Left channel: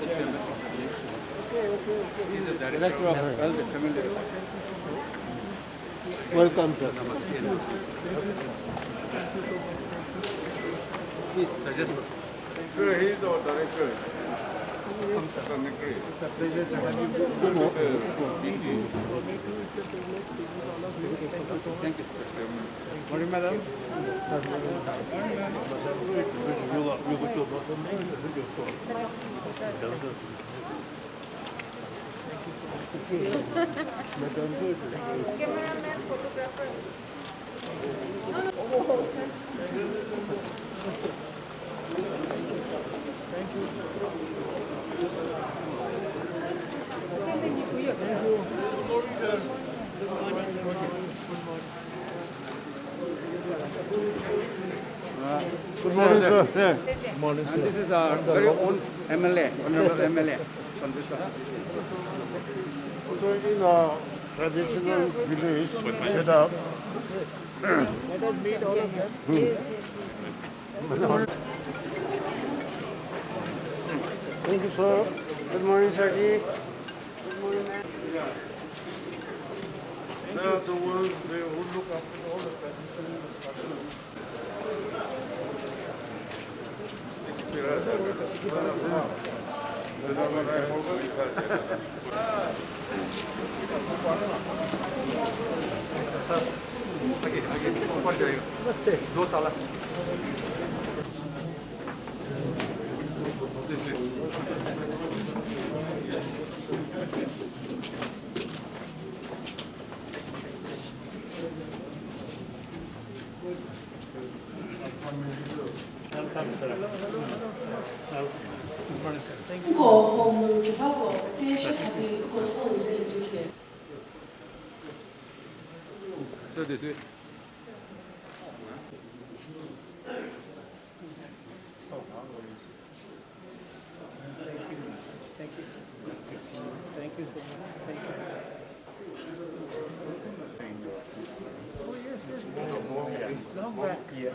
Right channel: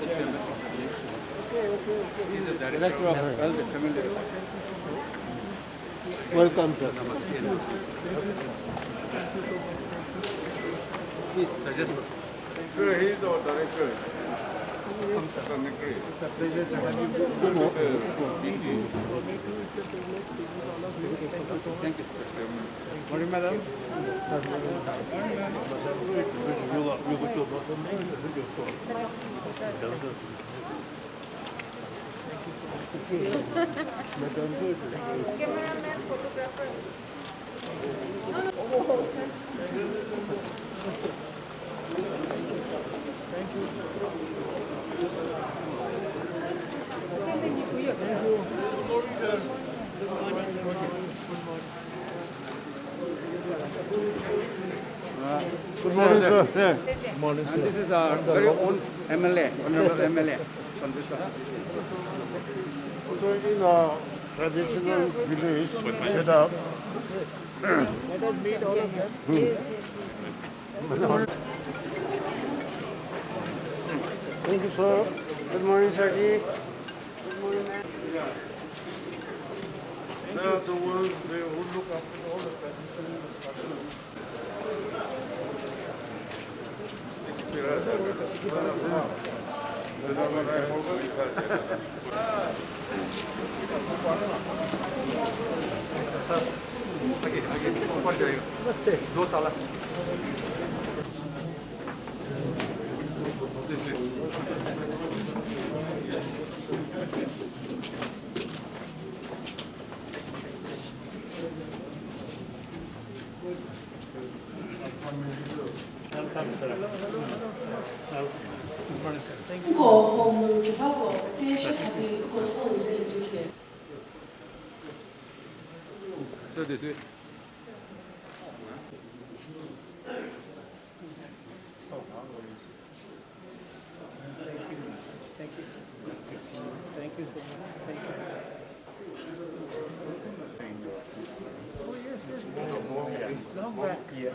He is the director of Health and Family Welfare. Welcome, sir. Please suggest. Sure, he is our director. Secretary. It's a pleasure to have you. Thank you, sir. Morning, madam. Cameraman, photographer. Good morning, sir. Good morning, sir. And this is our very own MLA, Honorable MLA. From this one. So in a traditional village setup, let us meet all of them. Thank you, sir. Good morning, sir. Good morning, ma'am. They are the ones who look after all the traditional structures. आगे ऊपर जाएगा। दो ताला। So this way. Thank you so much. Thank you. Oh, yes, yes. Long back. Yeah.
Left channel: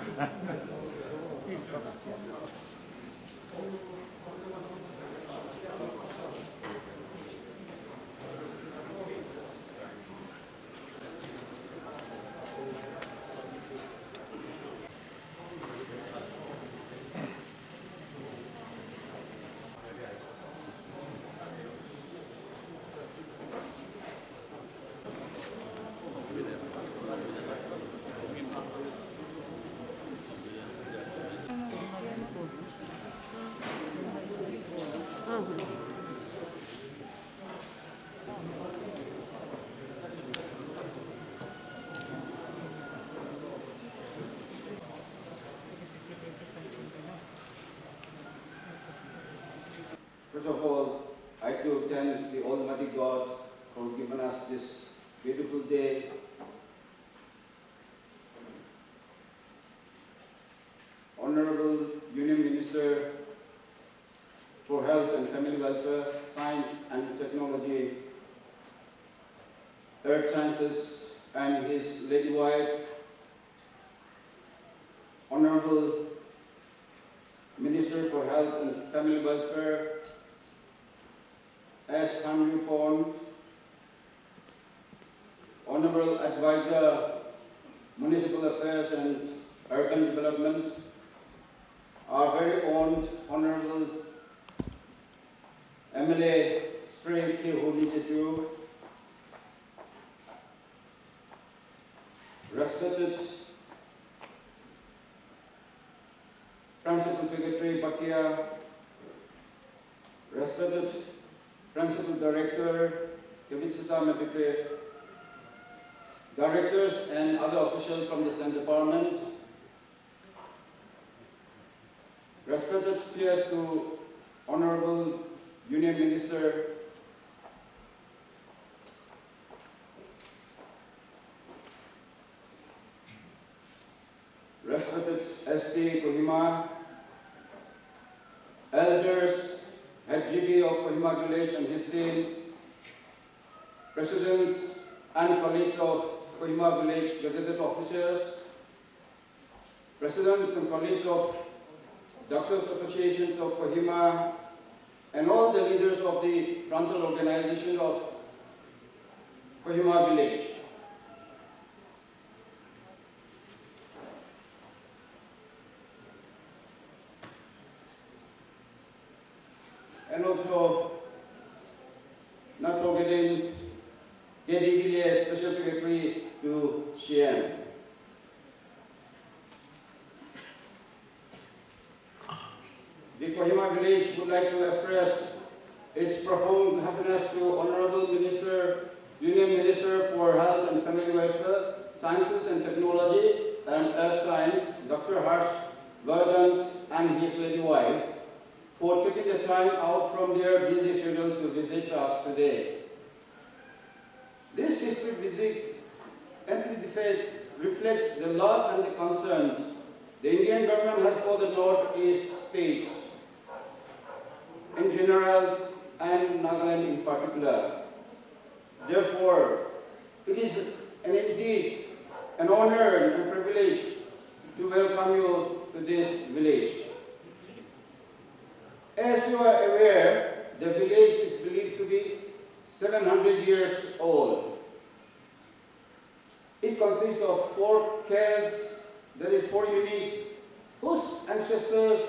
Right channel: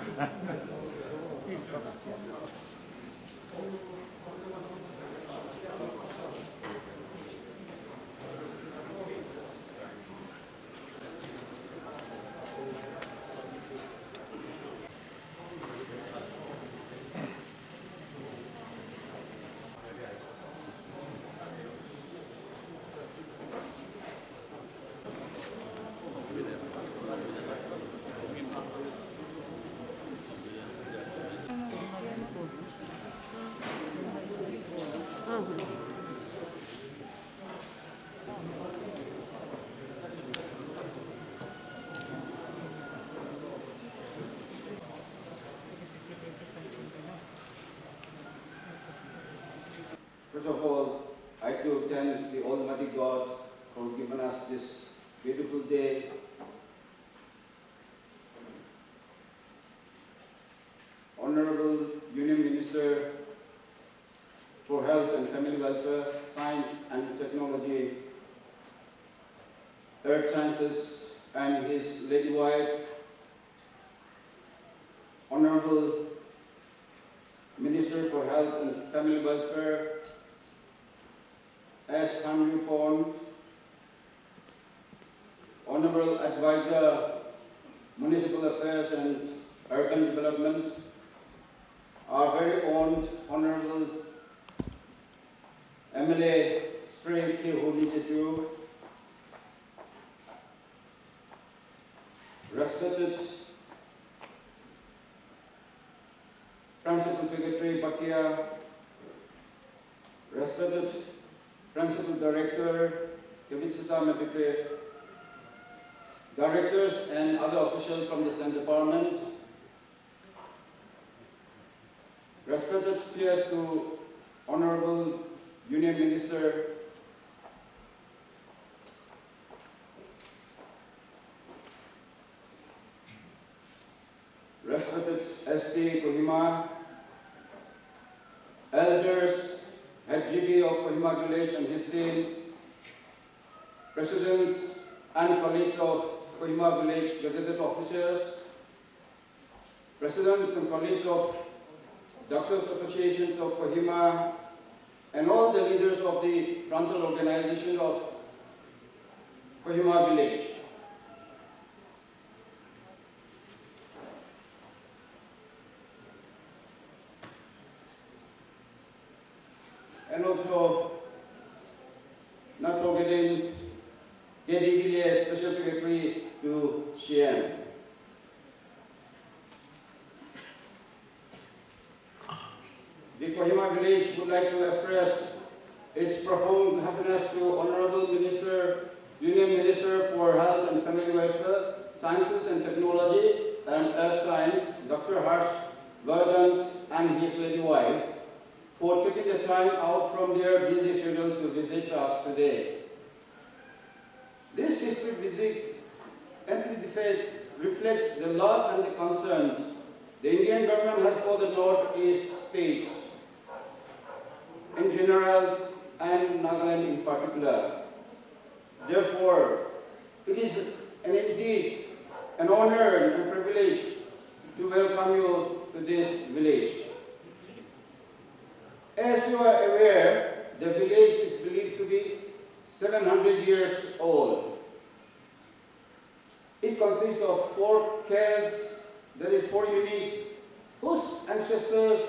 First of all, I like to thank the Almighty God for giving us this beautiful day. Honorable Union Minister for Health and Family Welfare, Science and Technology, Earth Sciences, and his lady wife, Honorable Minister for Health and Family Welfare, S. Panju Pond, Honorable Advisor, Municipal Affairs and Urban Development, our very own Honorable MLA Sri K. Holijeju, respected Principal Secretary Bhatia, respected Principal Director Kevitsasa Medike, directors and other officials from the State Department, respected peers to Honorable Union Minister, respected SP Kohima, elders, head GB of Kohima Village and his teams, presidents and colleagues of Kohima Village gazetted officers, presidents and colleagues of Doctors Associations of Kohima, and all the leaders of the frontal organization of Kohima village. And also, not forgetting K.D. Villiers, Special Secretary to Xi'an. The Kohima village would like to express its profound happiness to Honorable Minister, Union Minister for Health and Family Welfare, Sciences and Technology and Earth Science, Dr. Harsh Vardhan and his lady wife, for taking the time out from their busy schedule to visit us today. This historic visit amply reflects the love and the concern the Indian government has for the Northeast states in general and Nagaland in particular. Therefore, it is indeed an honor and privilege to welcome you to this village. As you are aware, the village is believed to be 700 years old. It consists of 4 khels, that is 4 units, whose ancestors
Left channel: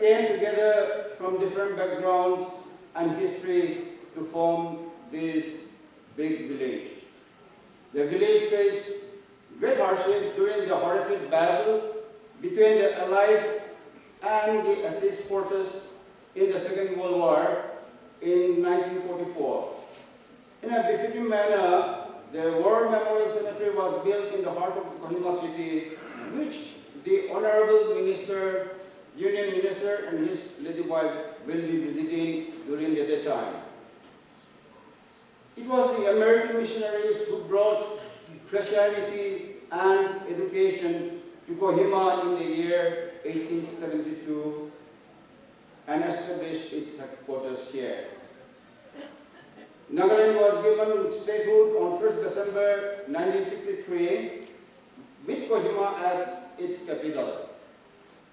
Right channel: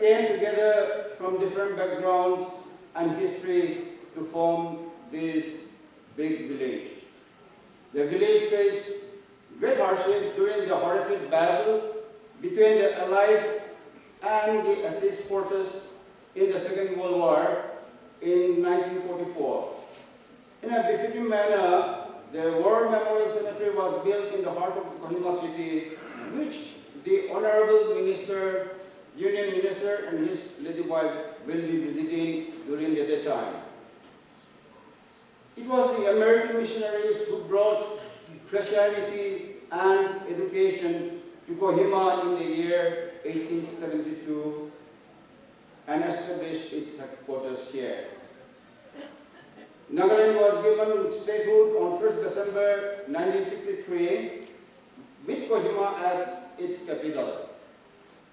came together from different backgrounds and history to form this big village. The village faced great hardship during the horrific battle between the Allied and the Axis forces in the Second World War in 1944. In a befitting manner, the War Memorial Cemetery was built in the heart of Kohima city, which the Honorable Minister, Union Minister and his lady wife will be visiting during the daytime. It was the American missionaries who brought Christianity and education to Kohima in the year 1872 and established its headquarters here. Nagaland was given statehood on 1st December 1963 with Kohima as its capital.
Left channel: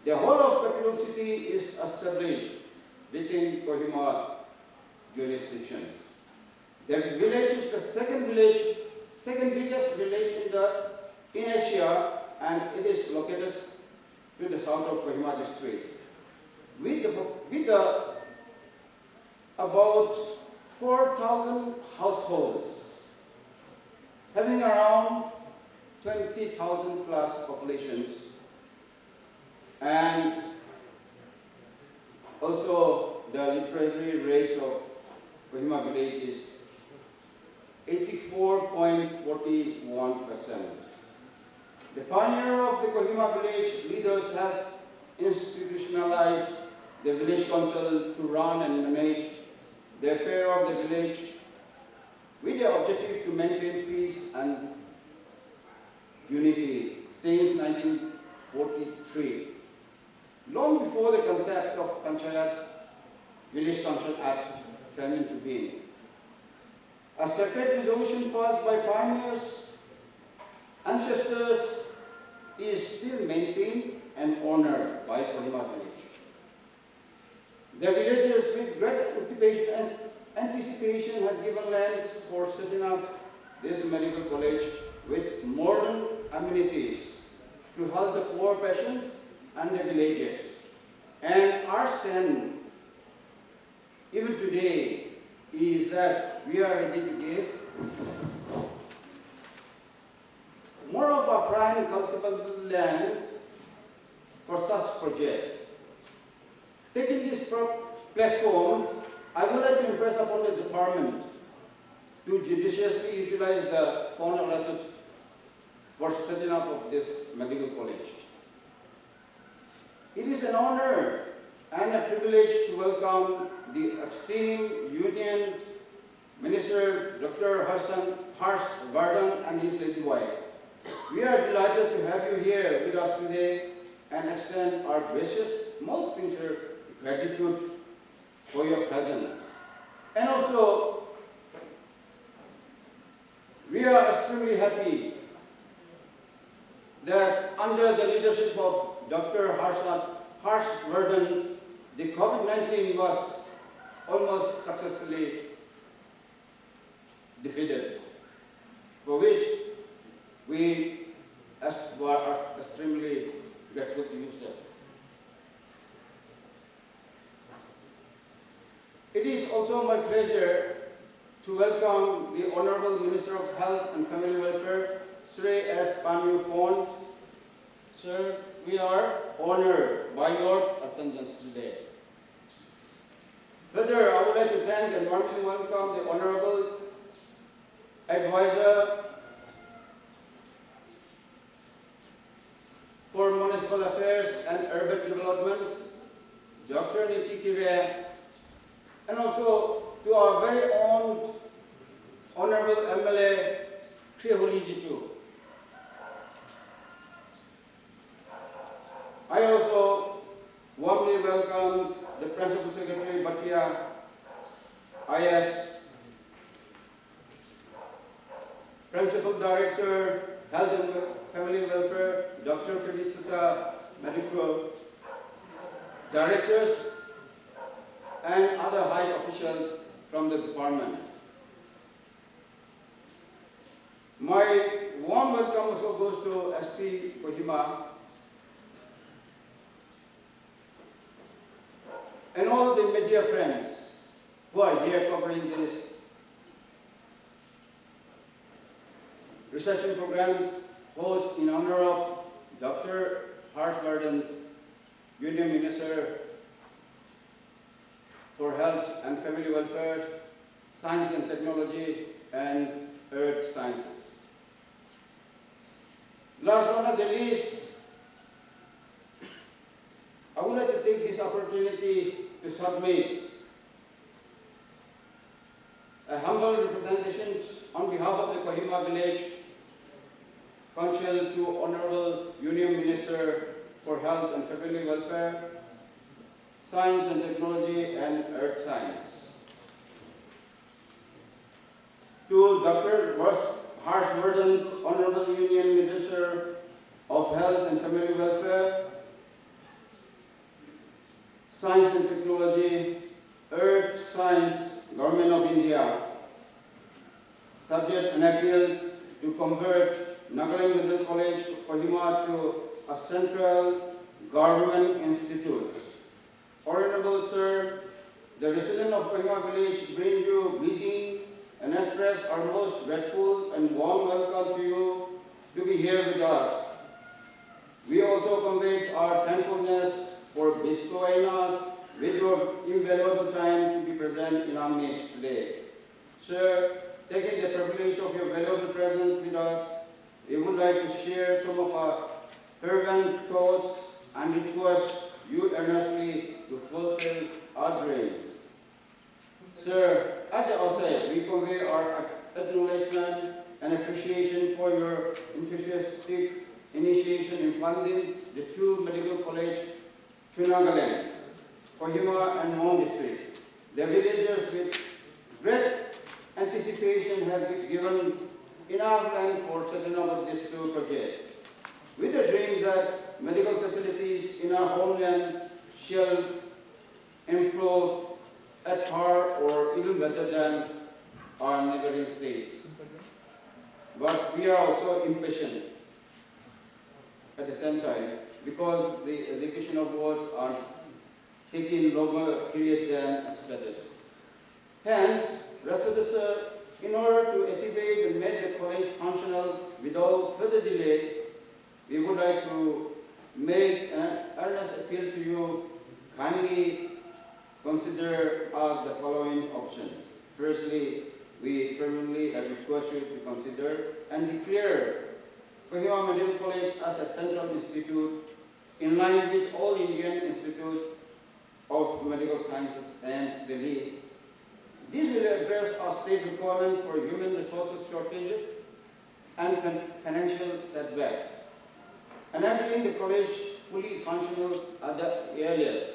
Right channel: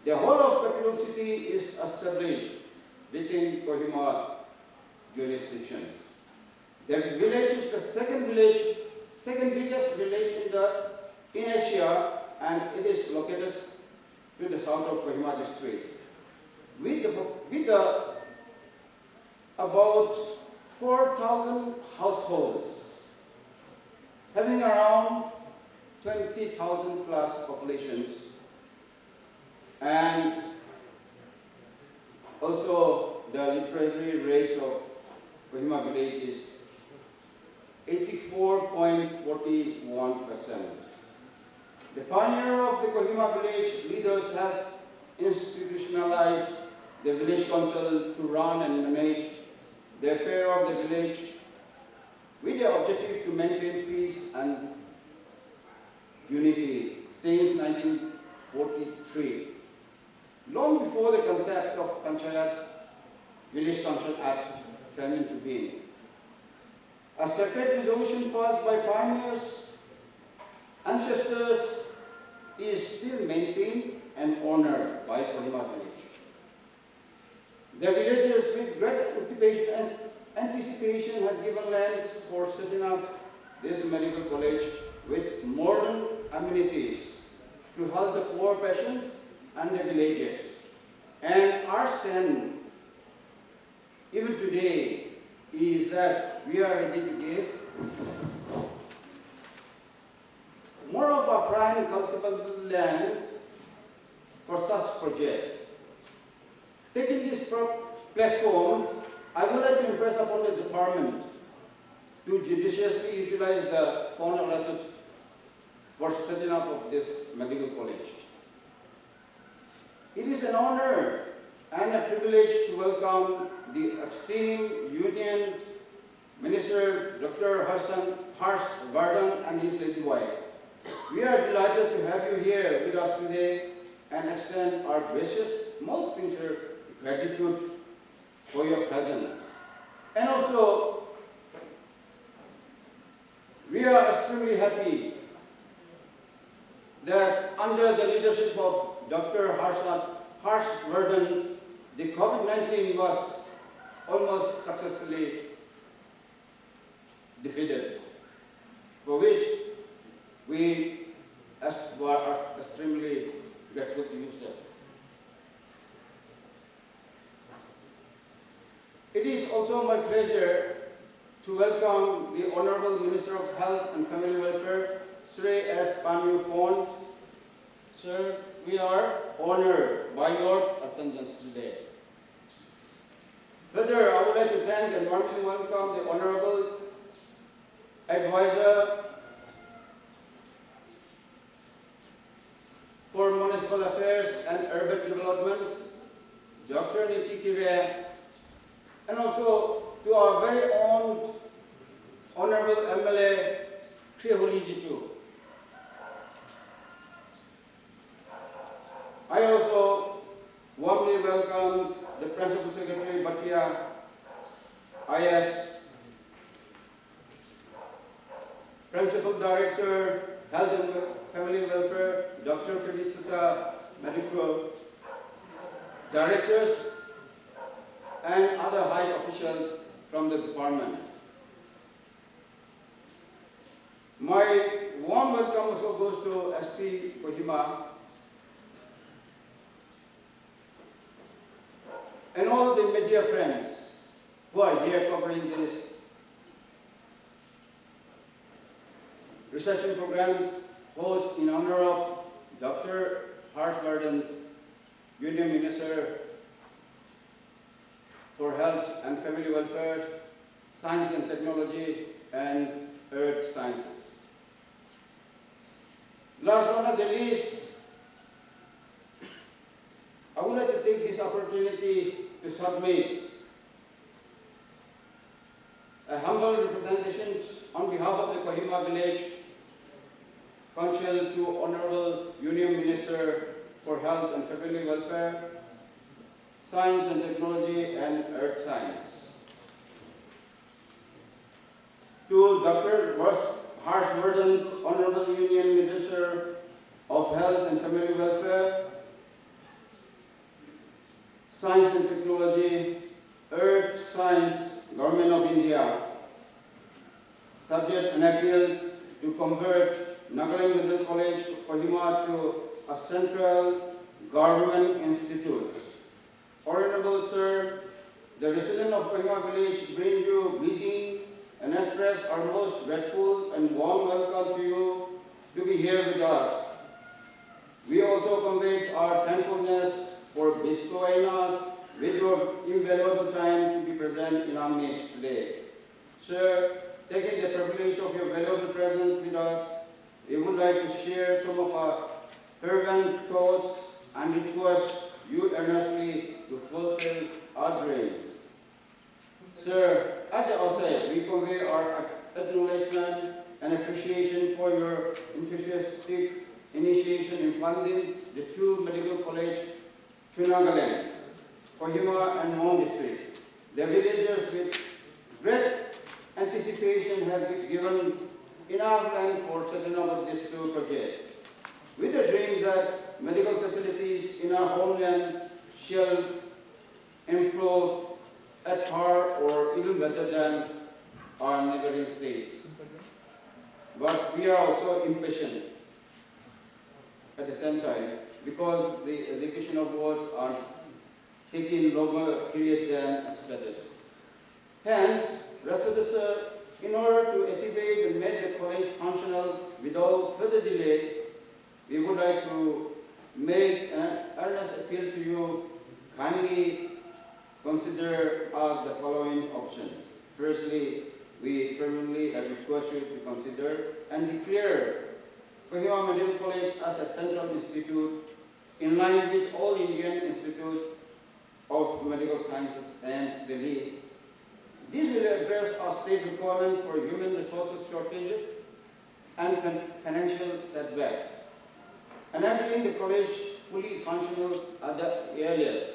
The whole of capital city is established within Kohima jurisdiction. The village is the second biggest village in Asia, and it is located to the south of Kohima district. With about 4,000 households, having around 20,000 plus populations, and also the literacy rate of Kohima village is 84.41%. The pioneer of the Kohima village leaders have institutionalized the village council to run and manage the affair of the village with the objective to maintain peace and unity since 1943. Long before the concept of Panchayat Village Council Act came into being. A separate resolution passed by pioneers, ancestors, is still maintained and honored by Kohima village. The villagers with great anticipation has given land for setting up this medical college with modern amenities to help the poor patients and the villagers. And our stand, even today, is that we are ready to give more of our prime cultivable land for such project. Taking this platform, I would like to impress upon the department to judiciously utilize the fund allotted for setting up of this medical college. It is an honor and a privilege to welcome the esteemed Union Minister Dr. Harsh Vardhan and his lady wife. We are delighted to have you here with us today and extend our gracious, most sincere gratitude for your presence. And also, we are extremely happy that under the leadership of Dr. Harsh Vardhan, the COVID-19 was almost successfully defeated, for which we are extremely grateful to you, sir. It is also my pleasure to welcome the Honorable Minister of Health and Family Welfare, Sri S. Panyu Pond. Sir, we are honored by your attendance today. Further, I would like to thank and warmly welcome the Honorable Advisor for Municipal Affairs and Urban Development, Dr. Niti Kire, and also to our very own Honorable MLA, Krihuli Jichu. I also warmly welcome the Principal Secretary, Bhatia, IS, Principal Director, Health and Family Welfare, Dr. Kavitsasa Medico, Directors, and other high officials from the department. My warm welcome also goes to SP Kohima and all the media friends who are here covering this reception programs host in honor of Dr. Harshvardhan, Union Minister for Health and Family Welfare, Science and Technology, and Earth Sciences. Last but not the least, I would like to take this opportunity to submit a humble representation on behalf of the Kohima Village Council to Honorable Union Minister for Health and Family Welfare, Science and Technology, and Earth Science. To Dr. Harshvardhan, Honorable Union Minister of Health and Family Welfare, Science and Technology, Earth Science, Government of India, subject an appeal to convert Nagaland Medical College, Kohima to a central government institute. Honorable Sir, the residents of Kohima Village bring you greetings and express our most grateful and warm welcome to you to be here with us. We also convey our thankfulness for bestowing us with your invaluable time to be present in our midst today. Sir, taking the privilege of your valuable presence with us, we would like to share some of our fervent thoughts and request you earnestly to fulfill our dreams. Sir, at the outset, we convey our acknowledgement and appreciation for your enthusiastic initiation in funding the two medical colleges to Nagaland, Kohima and Mon district. The villagers with great anticipation have been given enough land for setting up these two projects, with the dream that medical facilities in our homeland shall improve at par or even better than our neighboring states. But we are also impatient at the same time because the execution of works are taking longer period than expected. Hence, respected sir, in order to activate and make the college functional without further delay, we would like to make an earnest appeal to you. Kindly consider us the following options. Firstly, we firmly request you to consider and declare Kohima Medical College as a central institute in line with all Indian Institute of Medical Sciences and Delhi. This will address our state requirement for human resources shortage and financial setback, enabling the college fully functional at the earliest.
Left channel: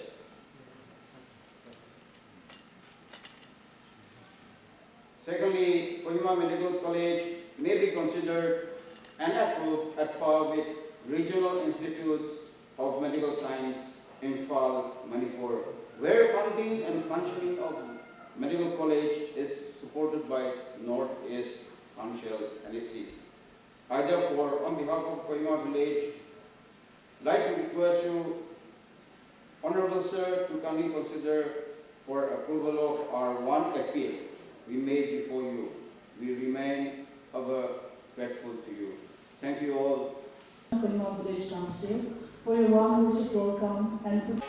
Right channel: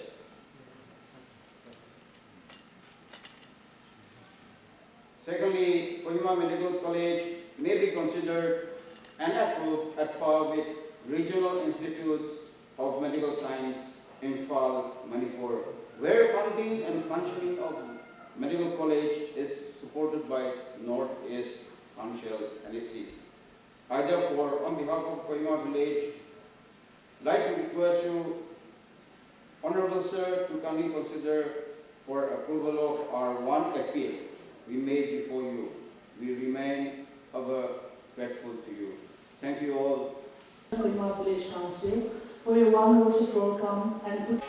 Secondly, Kohima Medical College may be considered and approved at par with regional institutes of medical science in Imphal, Manipur, where funding and functioning of medical college is supported by Northeast Council NEC. I therefore, on behalf of Kohima village, like to request you, Honorable Sir, to kindly consider for approval of our one appeal we made before you. We remain ever grateful to you. Thank you all. Kohima Village Council for your warm words of welcome and good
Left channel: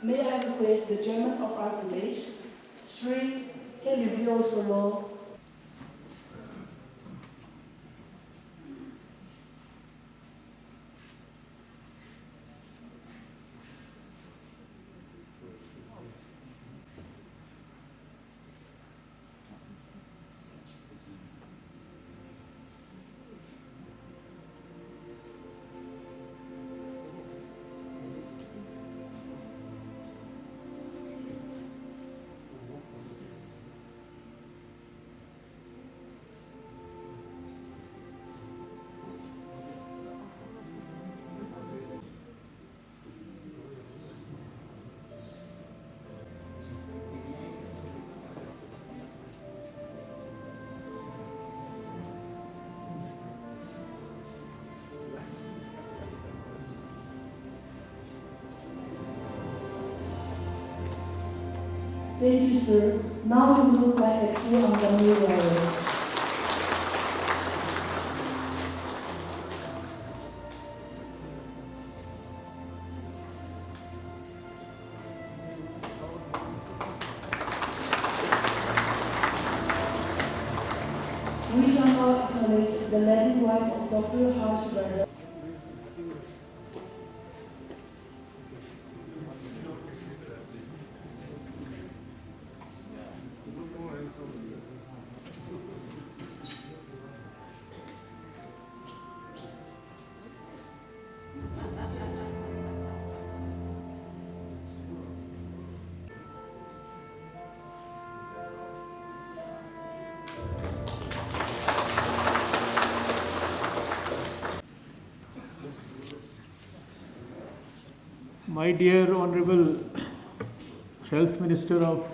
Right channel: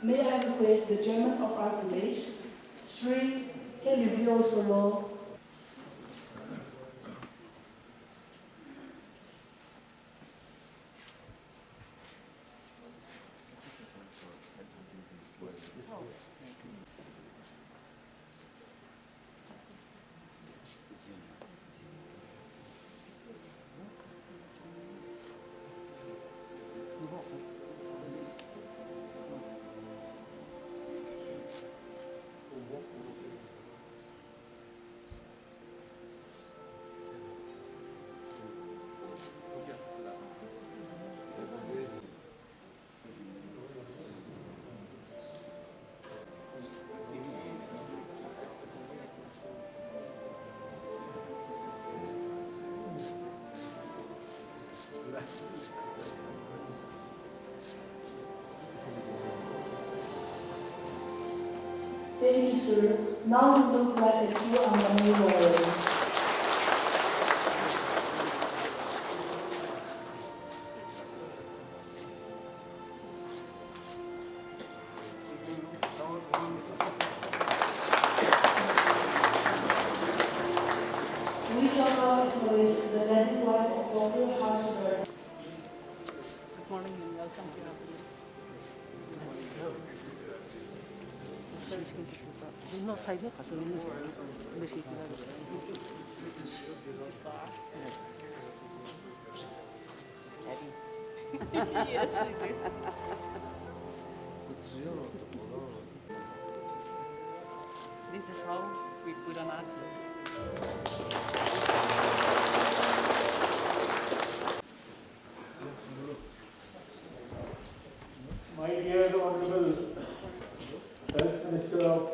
May I request the chairman of our village, Sri Helivio Solo. Thank you, sir. Now you look like a true Angami warrior. We shall now acknowledge the lady wife of Dr. Harshvardhan. This is how we put them out. My dear Honorable Health Minister of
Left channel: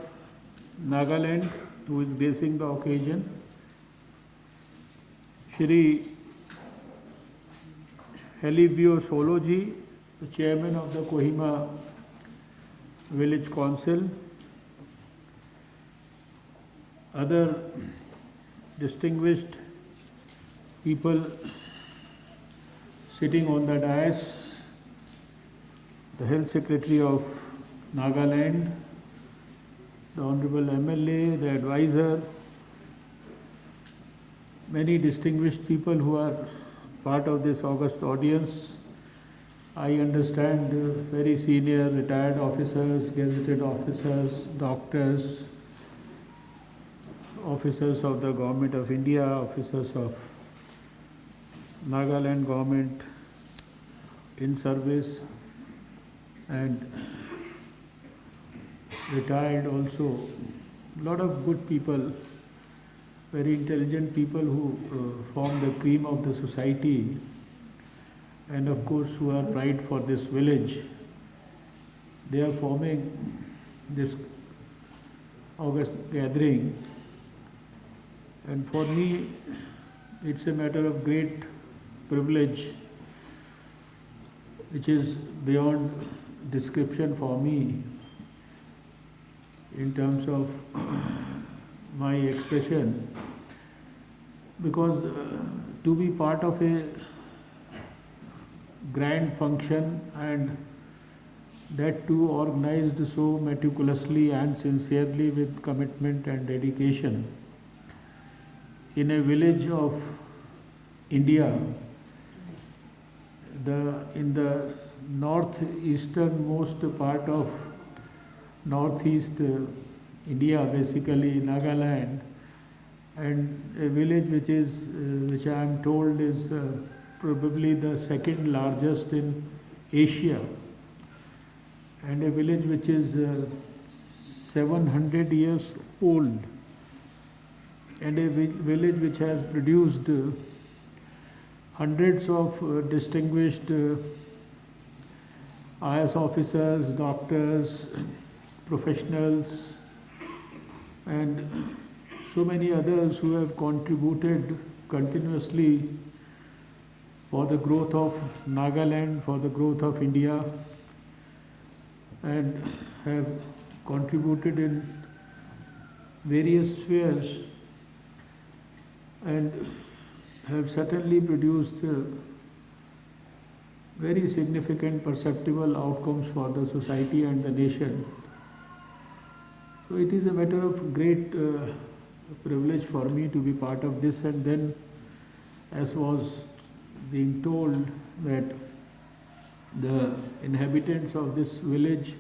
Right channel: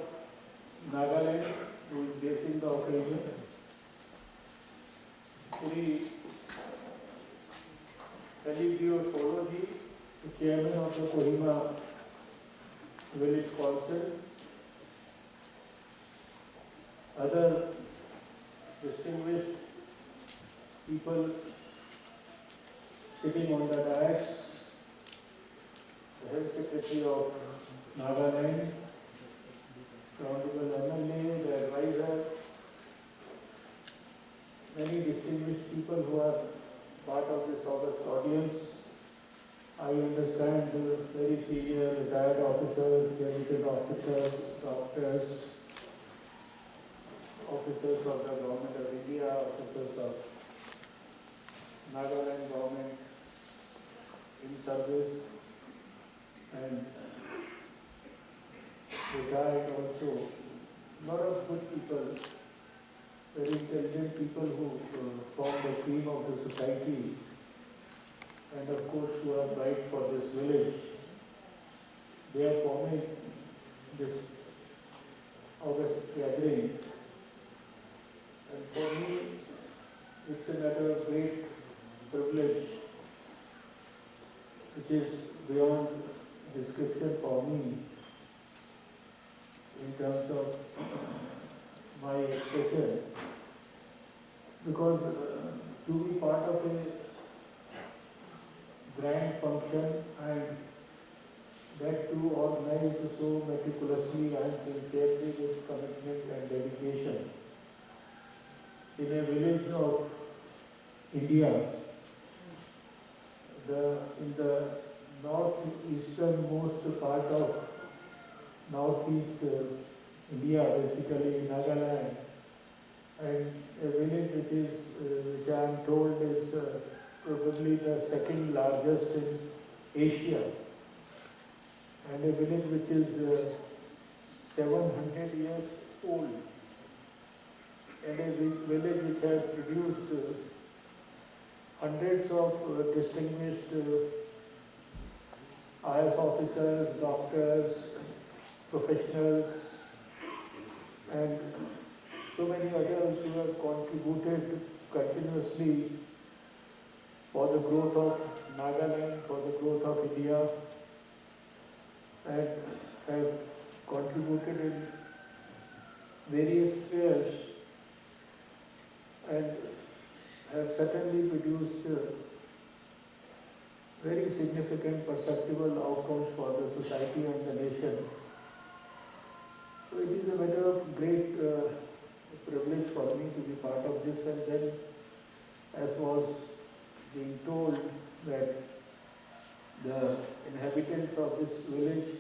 Nagaland, who is gracing the occasion, Shri Helivio Soloji, the Chairman of the Kohima Village Council, other distinguished people sitting on the dais, the Health Secretary of Nagaland, the Honorable MLA, the advisor, many distinguished people who are part of this august audience, I understand very senior retired officers, gazetted officers, doctors, officers of the Government of India, officers of Nagaland government in service, and retired also. Lot of good people, very intelligent people who form the cream of the society, and of course who are pride for this village. They are forming this August gathering, and for me it's a matter of great privilege which is beyond description for me in terms of my expression, because to be part of a grand function, and that too organized so meticulously and sincerely with commitment and dedication in a village of India, in the northeasternmost part of northeast India, basically Nagaland, and a village which I am told is probably the second largest in Asia, and a village which is 700 years old, and a village which has produced hundreds of distinguished IAS officers, doctors, professionals, and so many others who have contributed continuously for the growth of Nagaland, for the growth of India, and have contributed in various spheres, and have certainly produced very significant perceptible outcomes for the society and the nation. So it is a matter of great privilege for me to be part of this, and then, as was being told, that the inhabitants of this village,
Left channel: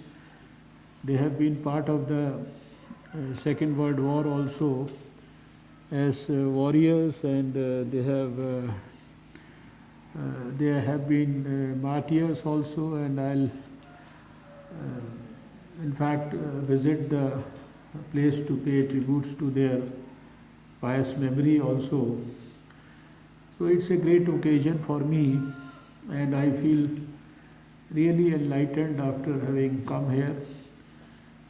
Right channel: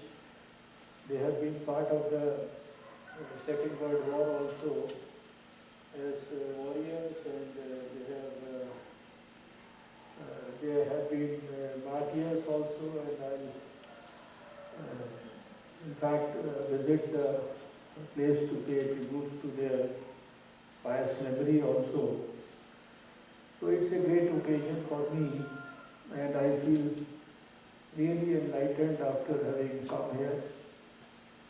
they have been part of the Second World War also as warriors, and they have been martyrs also, and I'll in fact visit the place to pay tributes to their pious memory also. So it's a great occasion for me, and I feel really enlightened after having come here.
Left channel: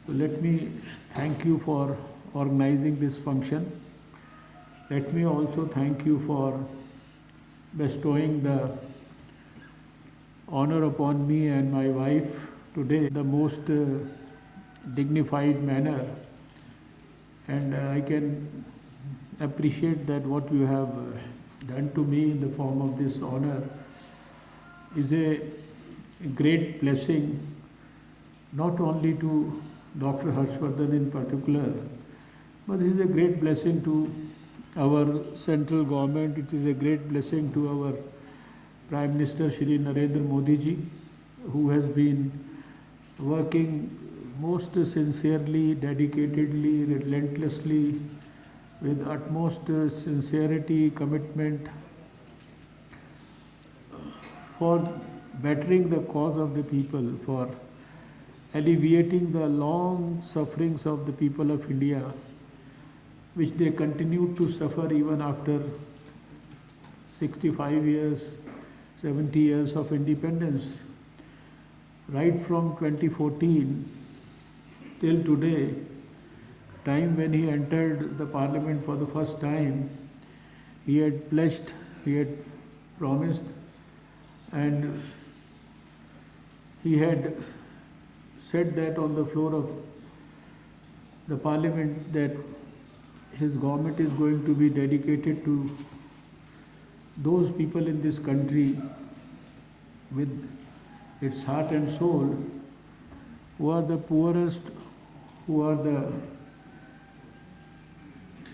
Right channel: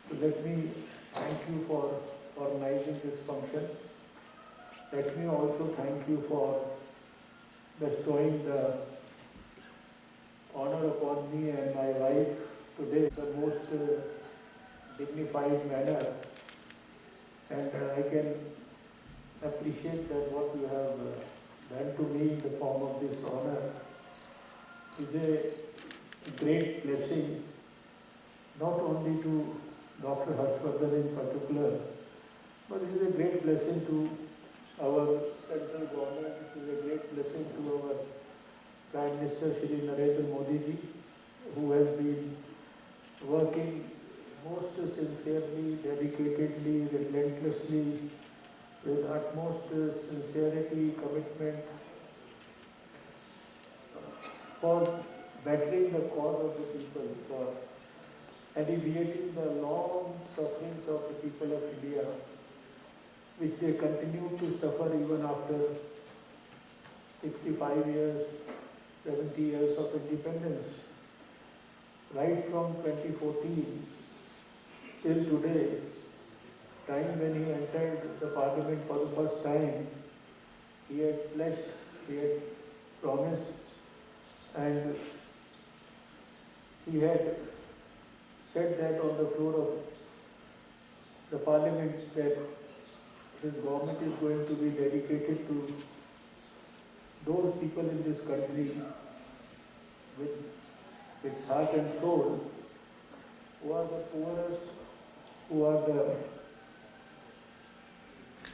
So let me thank you for organizing this function. Let me also thank you for bestowing the honor upon me and my wife today in the most dignified manner, and I can appreciate that what you have done to me in the form of this honor is a great blessing, not only to Dr. Harshvardhan in particular, but it is a great blessing to our central government. It is a great blessing to our Prime Minister Shri Narendra Modi ji, who has been working most sincerely, dedicatedly, relentlessly, with utmost sincerity, commitment for bettering the cause of the people, for alleviating the long sufferings of the people of India, which they continue to suffer even after 65 years, 70 years of independence. Right from 2014 till today, time when he entered the parliament for the first time, he had pledged, he had promised, and he had said that on the floor of the parliament that his government is going to be dedicated to those people in this country with its heart and soul, who are the poorest, who are the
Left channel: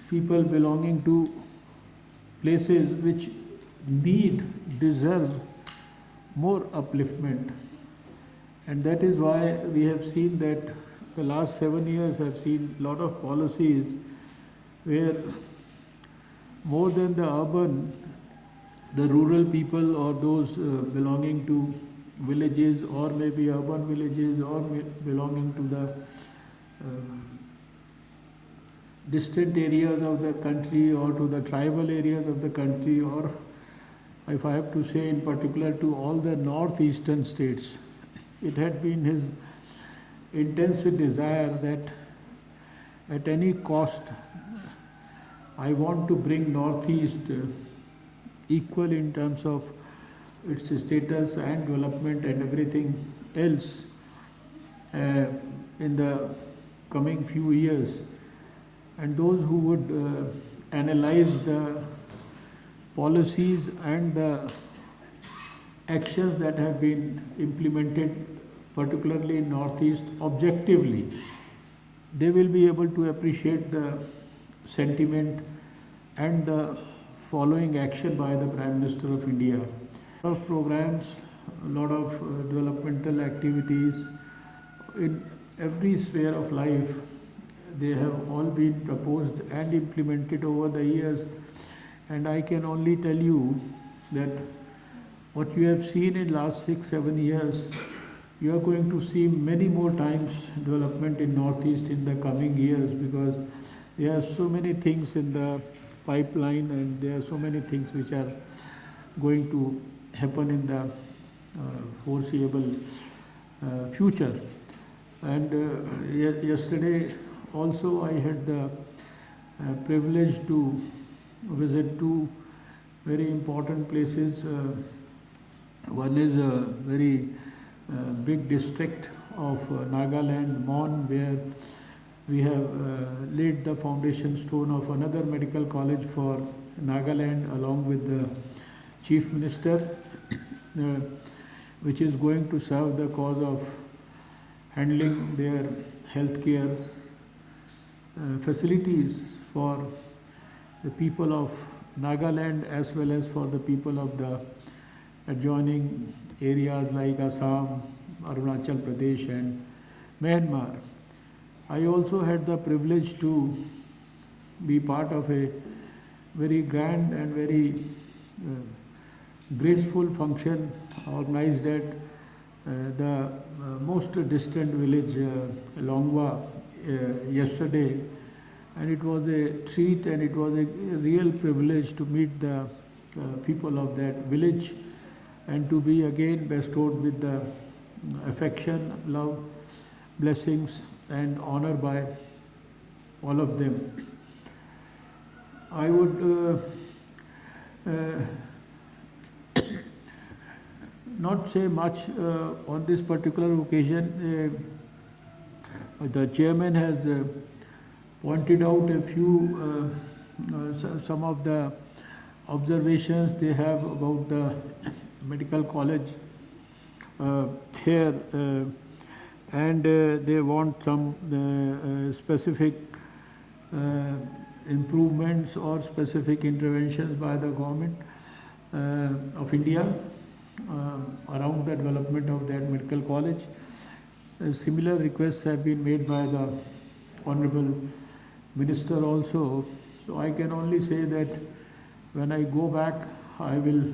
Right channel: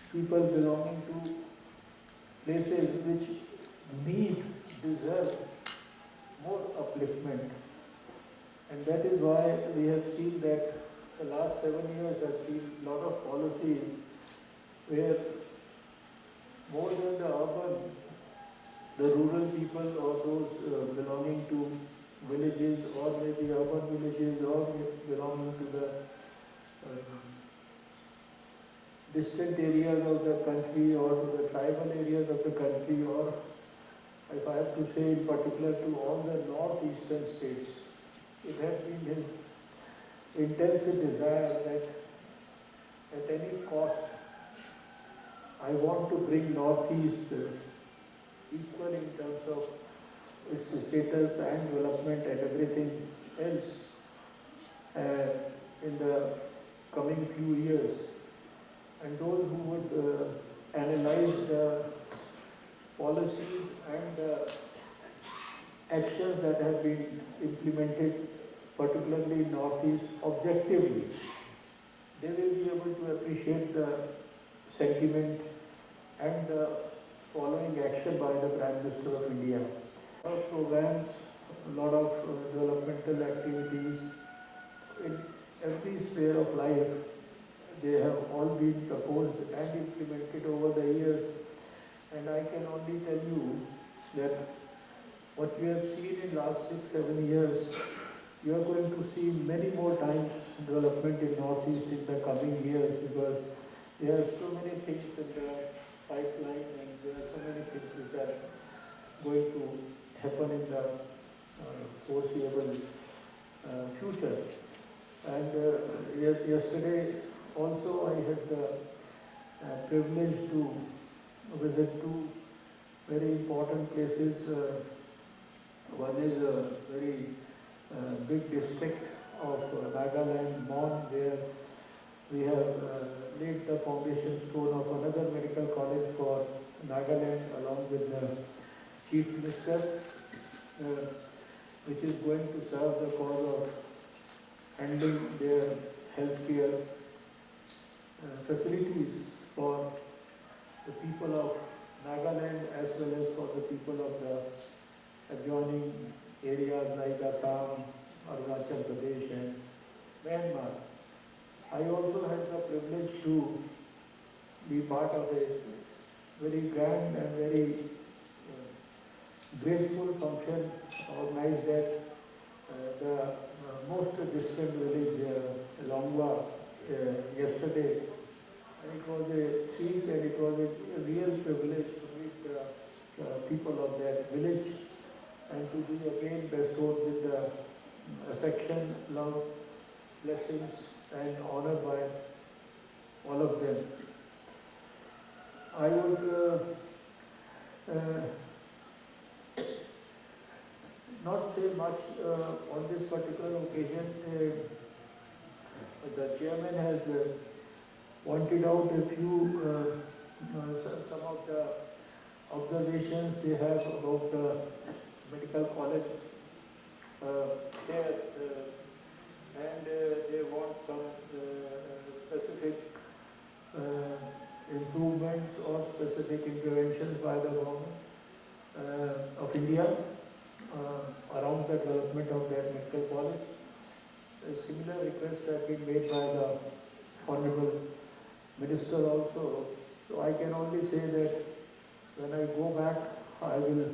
people belonging to places which deserve more upliftment. And that is why we have seen that the last 7 years have seen a lot of policies where more than the urban, the rural people or those belonging to villages or maybe urban villages or belonging to the distant areas of the country or to the tribal areas of the country, or if I have to say in particular to all the northeastern states, it had been his intense desire that at any cost I want to bring Northeast equal in terms of its status and development and everything else in the coming few years. And those who would analyze the policies and the actions that have been implemented, particularly in Northeast, objectively, they will be able to appreciate the sentiment and the following action by the Prime Minister of India. A lot of programs, a lot of developmental activities in every sphere of life, they have all been proposed and implemented over the years. And I can only tell you that what you have seen in last 6-7 years, you are going to see many more times development in Northeast in the coming years, because there are so many things in the pipeline and there are so many things which are going to happen in the foreseeable future. And yesterday also I had the privilege to visit two very important places. One is a very big district of Nagaland, Mon, where we have laid the foundation stone of another medical college for Nagaland along with the Chief Minister, which is going to serve the cause of handling their healthcare facilities for the people of Nagaland as well as for the people of the adjoining areas like Assam, Arunachal Pradesh and Myanmar. I also had the privilege to be part of a very grand and very graceful function organized at the most distant village, Longwa, yesterday. And it was a treat and it was a real privilege to meet the people of that village and to be again bestowed with the affection, love, blessings and honor by all of them. I would not say much on this particular occasion. The chairman has pointed out a few, some of the observations they have about the medical college here, and they want some specific improvements or specific interventions by the government of India around the development of that medical college. Similar requests have been made by the Honorable Minister also. So I can only say that when I go back, I will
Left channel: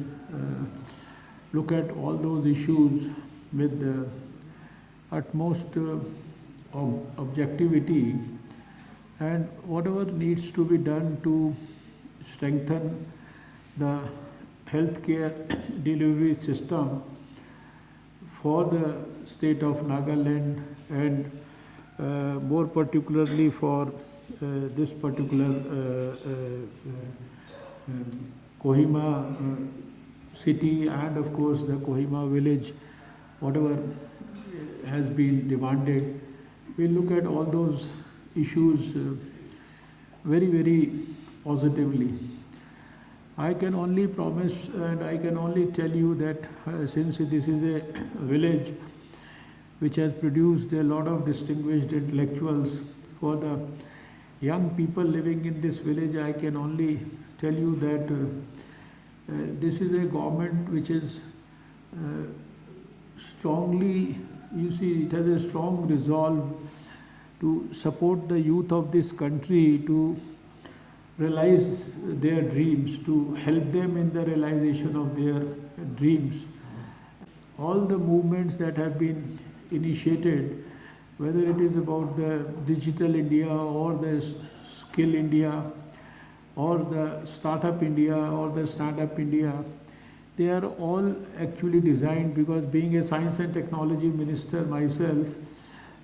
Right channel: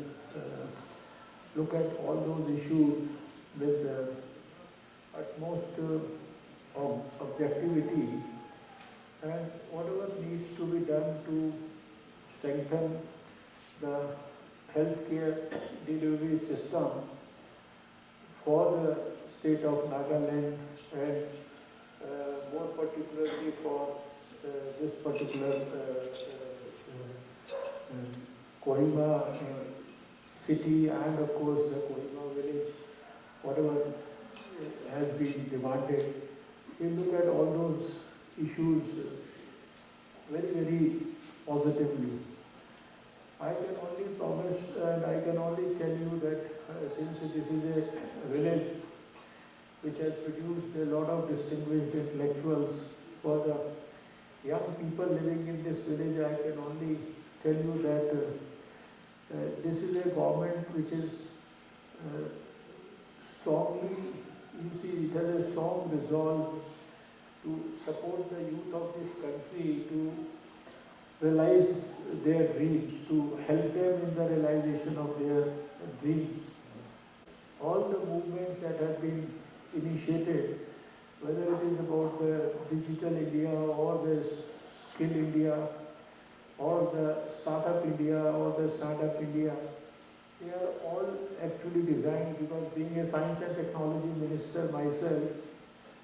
look at all those issues with the utmost objectivity, and whatever needs to be done to strengthen the healthcare delivery system for the state of Nagaland and more particularly for this particular Kohima city and of course the Kohima village, whatever has been demanded. We'll look at all those issues very, very positively. I can only promise and I can only tell you that since this is a village which has produced a lot of distinguished intellectuals, for the young people living in this village, I can only tell you that this is a government which is strongly, you see, it has a strong resolve to support the youth of this country to realize their dreams, to help them in the realization of their dreams. All the movements that have been initiated, whether it is about the Digital India or the Skill India or the Startup India or the Stand Up India, they are all actually designed because being a science and technology minister myself,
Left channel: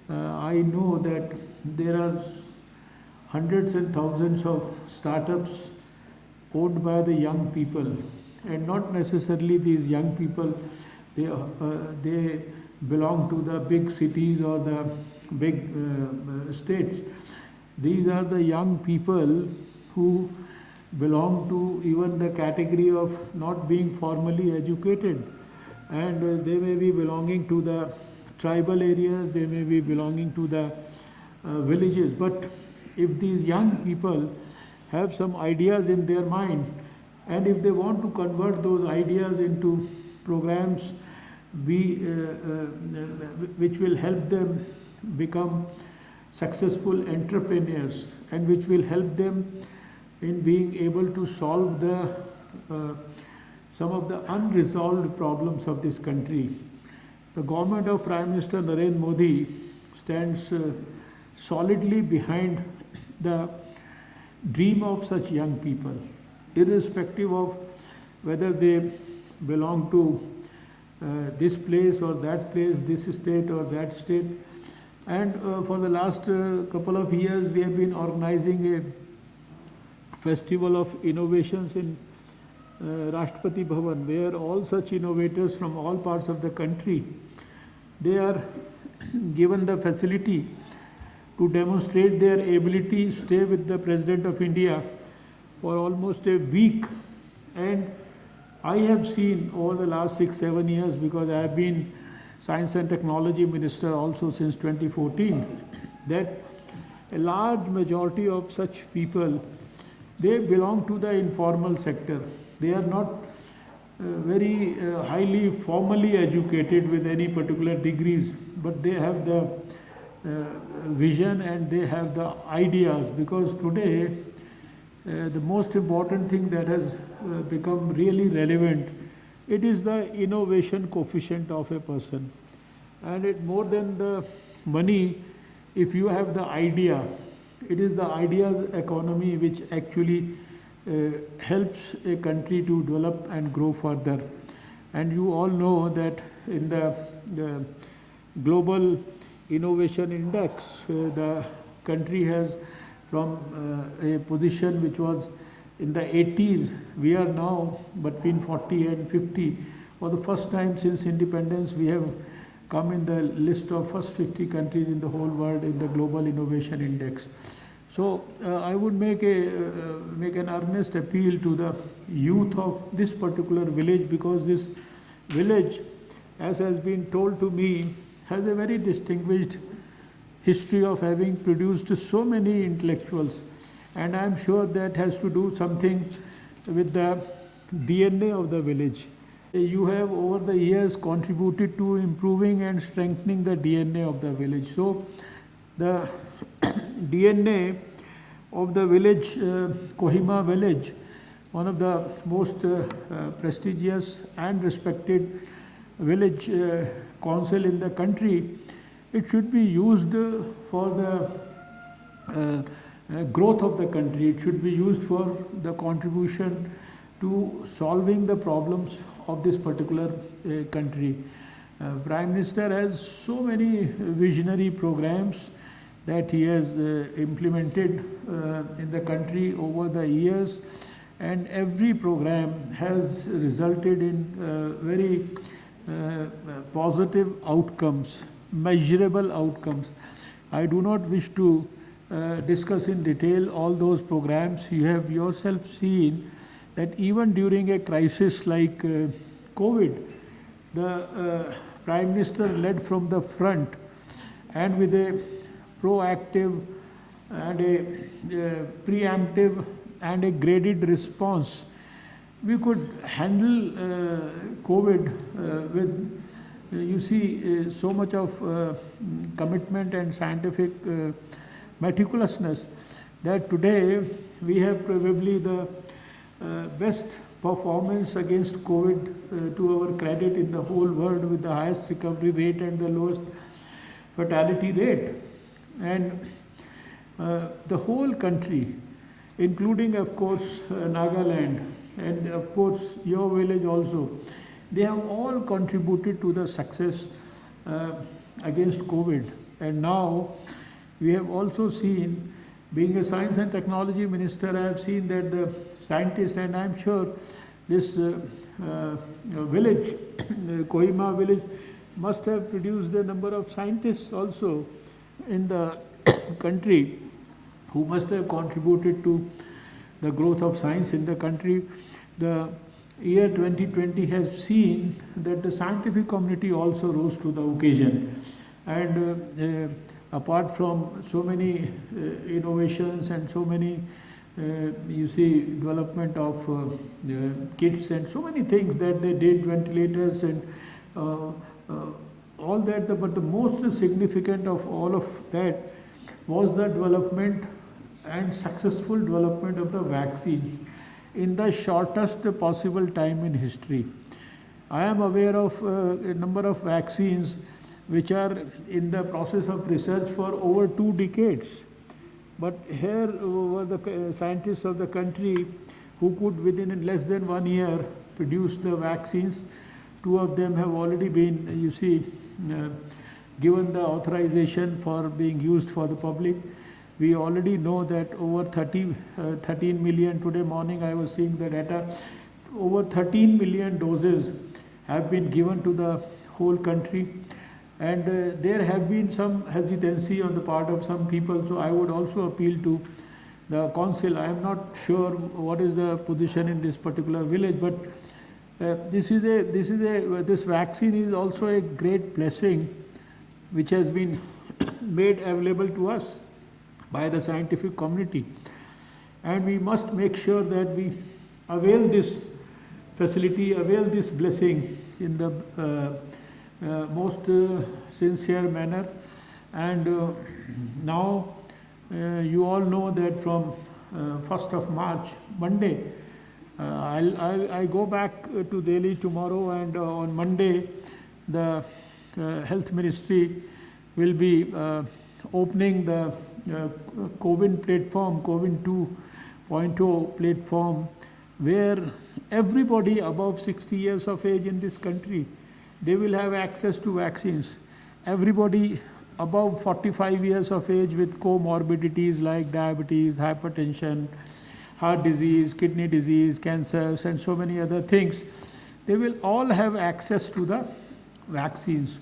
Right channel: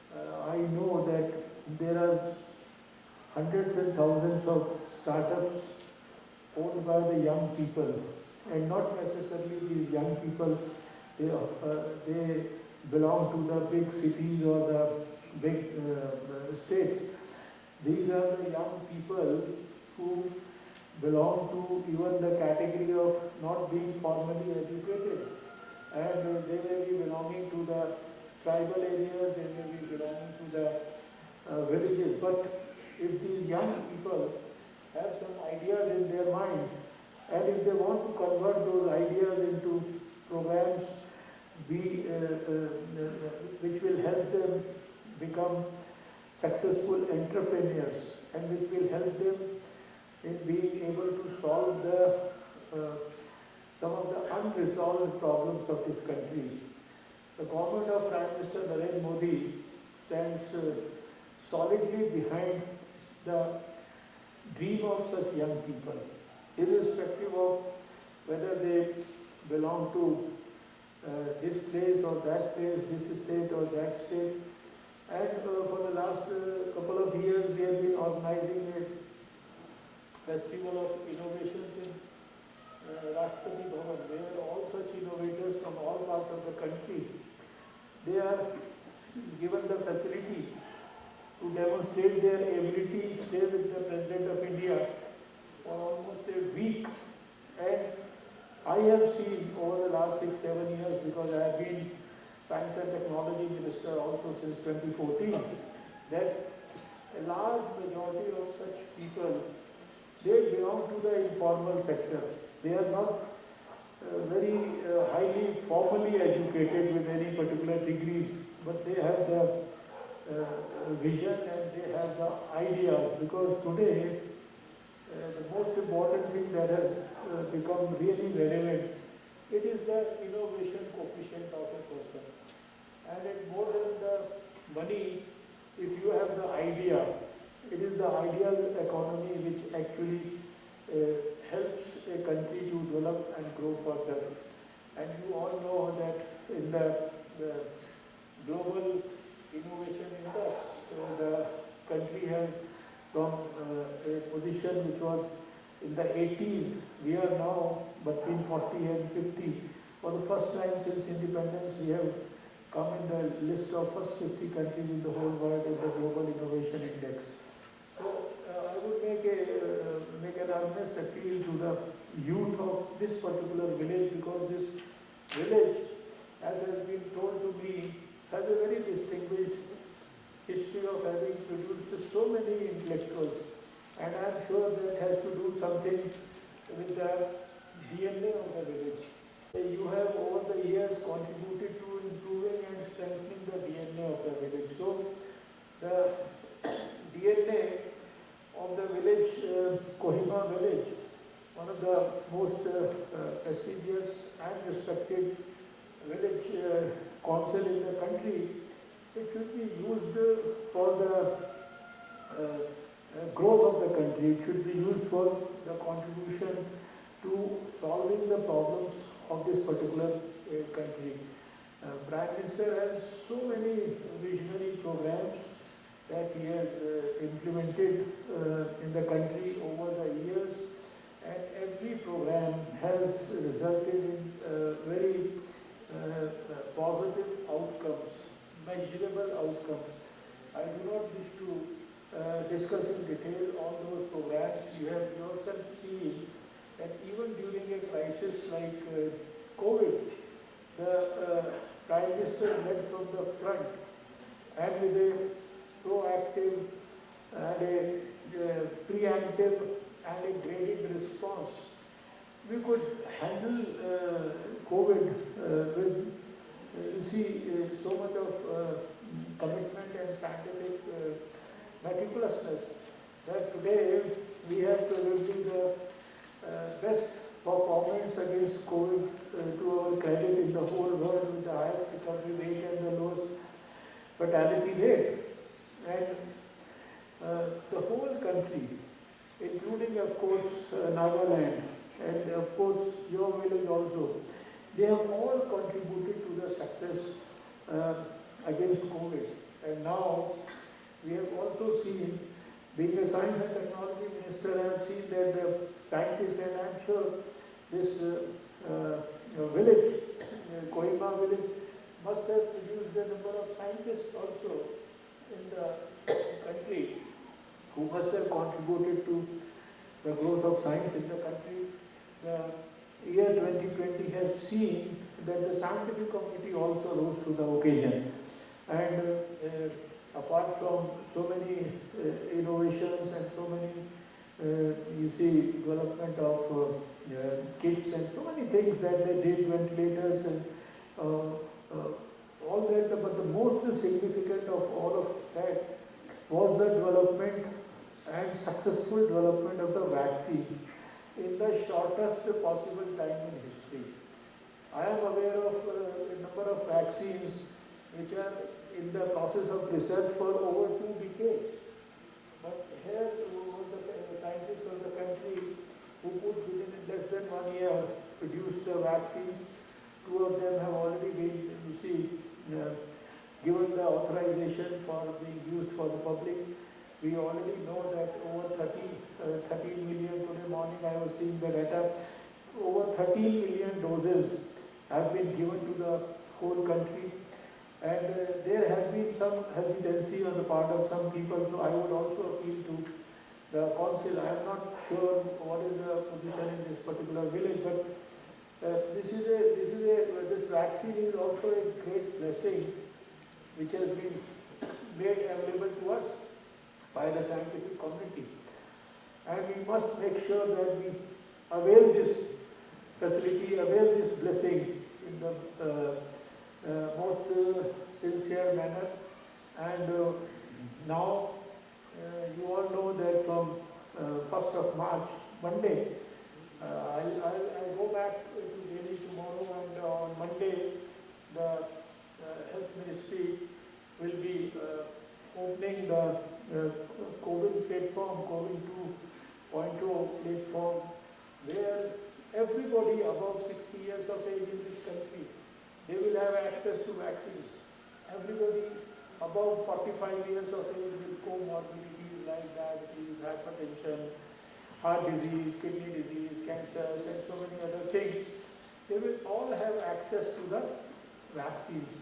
I know that there are hundreds and thousands of startups owned by the young people, and not necessarily these young people, they belong to the big cities or the big states. These are the young people who belong to even the category of not being formally educated, and they may be belonging to the tribal areas, they may be belonging to the villages, but if these young people have some ideas in their mind, and if they want to convert those ideas into programs which will help them become successful entrepreneurs and which will help them in being able to solve some of the unresolved problems of this country. The government of Prime Minister Narendra Modi stands solidly behind the dream of such young people, irrespective of whether they belong to this place or that place, this state or that state. And for the last couple of years, we have been organizing a festival of innovations in Rashtrapati Bhavan, where all such innovators from all parts of the country, they are given the facility to demonstrate their ability, stay with the President of India for almost a week. And I have seen over the last 6-7 years, because I have been Science and Technology Minister also since 2014, that a large majority of such people, they belong to the informal sector. They are not very highly formally educated with any particular degrees, but they have the vision and they have the ideas, because today the most important thing that has become really relevant, it is the innovation coefficient of a person. And it more than the money, if you have the idea, it is the ideas economy which actually helps a country to develop and grow further. And you all know that in the Global Innovation Index, the country has from a position which was in the 80s, we are now between 40 and 50. For the first time since independence, we have come in the list of first 50 countries in the whole world in the Global Innovation Index. So I would make an earnest appeal to the youth of this particular village, because this village, as has been told to me, has a very distinguished history of having produced so many intellectuals, and I am sure that has to do something with the DNA of the village. You have over the years contributed to improving and strengthening the DNA of the village. So the DNA of the village, Kohima village, one of the most prestigious and respected village council in the country, it should be used for the growth of the country. It should be used for the contribution to solving the problems of this particular country. Prime Minister has so many visionary programs that he has implemented in the country over the years, and every program has resulted in very positive outcomes, measurable outcomes. I do not wish to discuss in detail all those programs. You have yourself seen that even during a crisis like COVID, the Prime Minister led from the front, and with a proactive and a preemptive and a graded response, we could handle COVID with, you see, so much of commitment and scientific meticulousness that today we have probably the best performance against COVID to our credit in the whole world, with the highest recovery rate and the lowest fatality rate. And the whole country, including of course Nagaland and of course your village also, they have all contributed to the success against COVID. And now we have also seen, being a science and technology minister, I have seen that the scientists, and I am sure this village, Kohima village, must have produced a number of scientists also in the country who must have contributed to the growth of science in the country. The year 2020 has seen that the scientific community also rose to the occasion. And apart from so many innovations and so many, you see, development of kits and so many things that they did, ventilators and all that, but the most significant of all of that was the development and successful development of the vaccines in the shortest possible time in history. I am aware of a number of vaccines which are in the process of research for over 2 decades. But here were the scientists of the country who could within less than 1 year produce the vaccines. 2 of them have already been, you see, given the authorization for being used for the public. We already know that over 13 million, today morning I was seeing the data, over 13 million doses have been given to the whole country. And there have been some hesitancy on the part of some people, so I would also appeal to the council. I am not sure what is the position in this particular village, but this vaccine is also a great blessing which has been made available to us by the scientific community. And we must make sure that we avail this facility, avail this blessing in the most sincere manner. And now you all know that from 1st of March, Monday, I go back to Delhi tomorrow, and on Monday the Health Ministry will be opening the COVID platform, COVID 2.0 platform, where everybody above 60 years of age in this country, they will have access to vaccines. Everybody above 45 years of age with comorbidities like diabetes, hypertension, heart disease, kidney disease, cancers, and so many other things, they will all have access to the vaccines.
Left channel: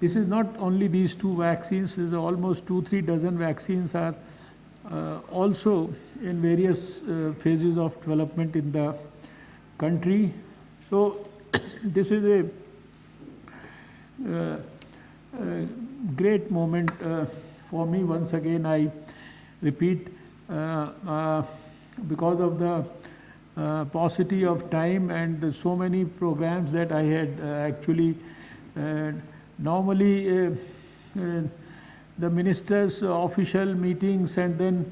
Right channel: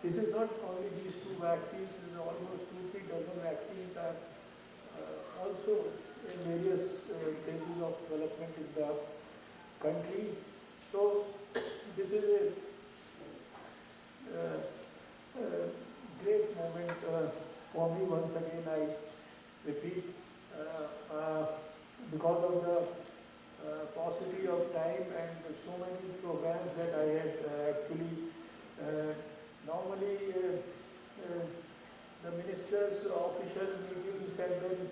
This is not only these 2 vaccines, there is almost 2-3 dozen vaccines are also in various phases of development in the country. So this is a great moment for me. Once again, I repeat, because of the paucity of time and so many programs that I had actually normally the ministers' official meetings and then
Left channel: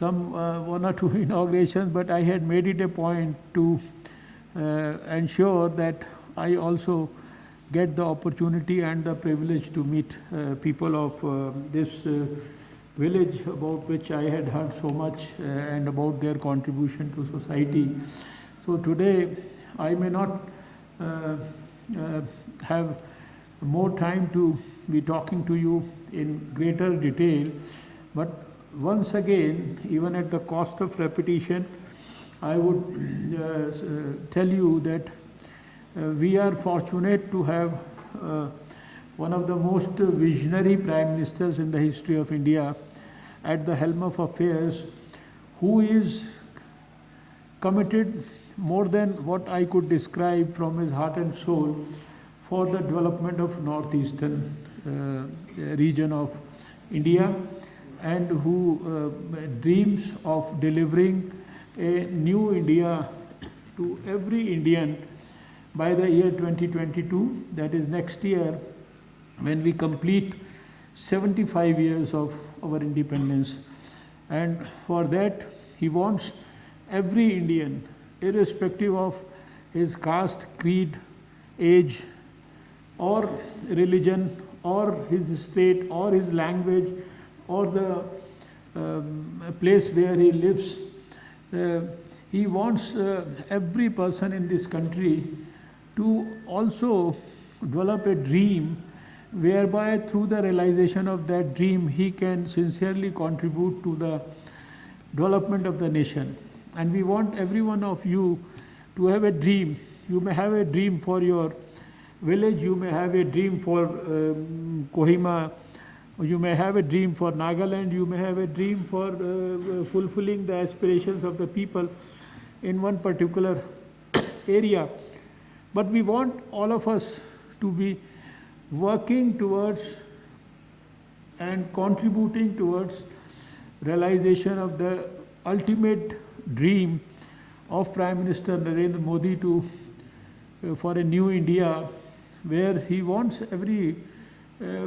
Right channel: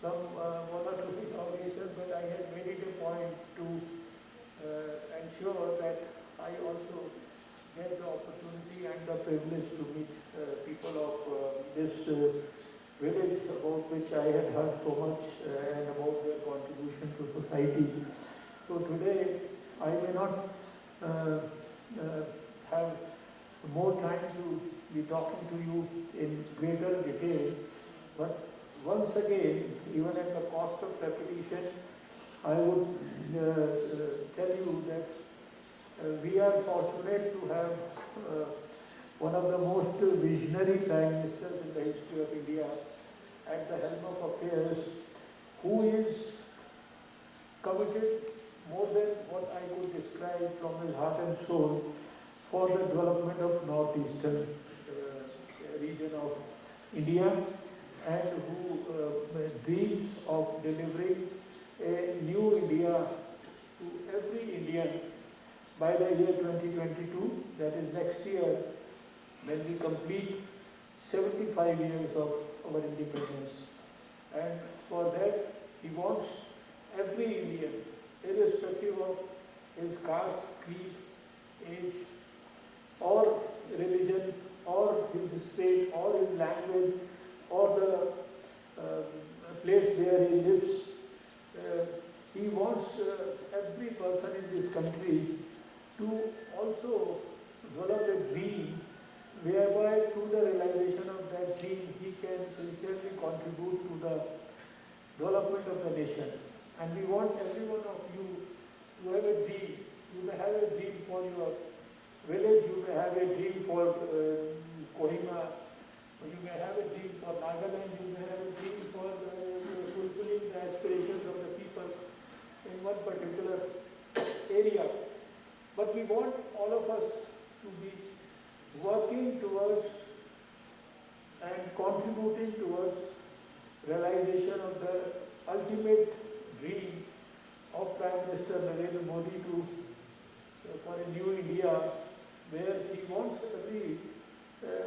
some 1 or 2 inaugurations, but I had made it a point to ensure that I also get the opportunity and the privilege to meet people of this village, about which I had heard so much and about their contribution to society. So today I may not have more time to be talking to you in greater detail, but once again, even at the cost of repetition, I would tell you that we are fortunate to have one of the most visionary Prime Ministers in the history of India at the helm of affairs, who is committed more than what I could describe from his heart and soul for the development of northeastern region of India, and who dreams of delivering a new India to every Indian by the year 2022, that is next year, when we complete 75 years of our independence. And for that, he wants every Indian, irrespective of his caste, creed, age, or religion, or his state, or his language, or the place where he lives. He wants every person in this country to also develop a dream whereby through the realization of that dream he can sincerely contribute to the development of the nation. And we want every one of you to have a dream. You may have a dream for your village, you may have a dream for Kohima, you may have a dream for Nagaland, you may have a dream for fulfilling the aspirations of the people in one particular area. But we want all of us to be working towards and contributing towards realization of the ultimate dream of Prime Minister Narendra Modi for a new India, where he wants every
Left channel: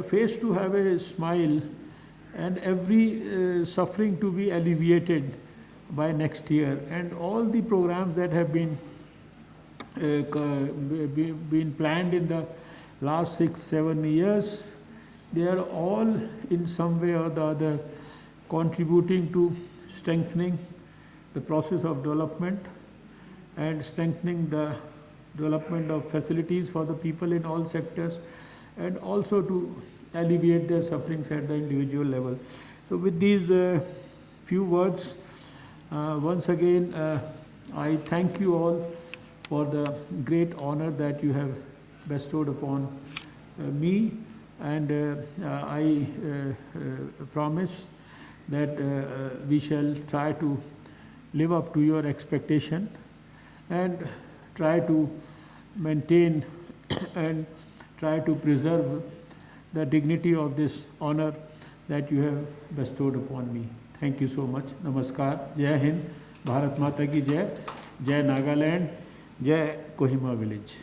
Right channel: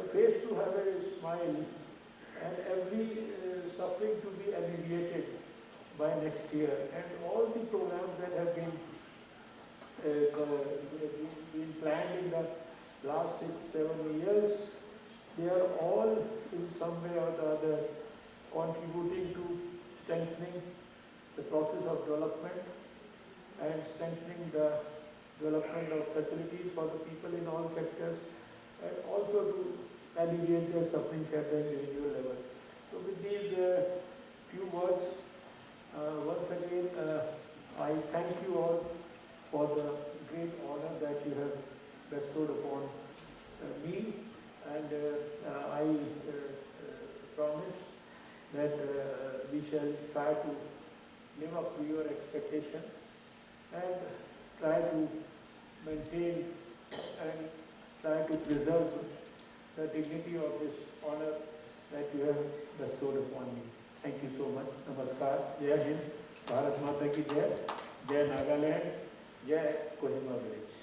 face to have a smile and every suffering to be alleviated by next year. And all the programs that have been planned in the last 6-7 years, they are all in some way or the other contributing to strengthening the process of development and strengthening the development of facilities for the people in all sectors, and also to alleviate their sufferings at the individual level. So with these few words, once again I thank you all for the great honor that you have bestowed upon me, and I promise that we shall try to live up to your expectation and try to maintain and try to preserve the dignity of this honor that you have bestowed upon me. Thank you so much. Namaskar. Jai Hind. Bharat Mata ki Jai. Jai Nagaland. Jai Kohima village.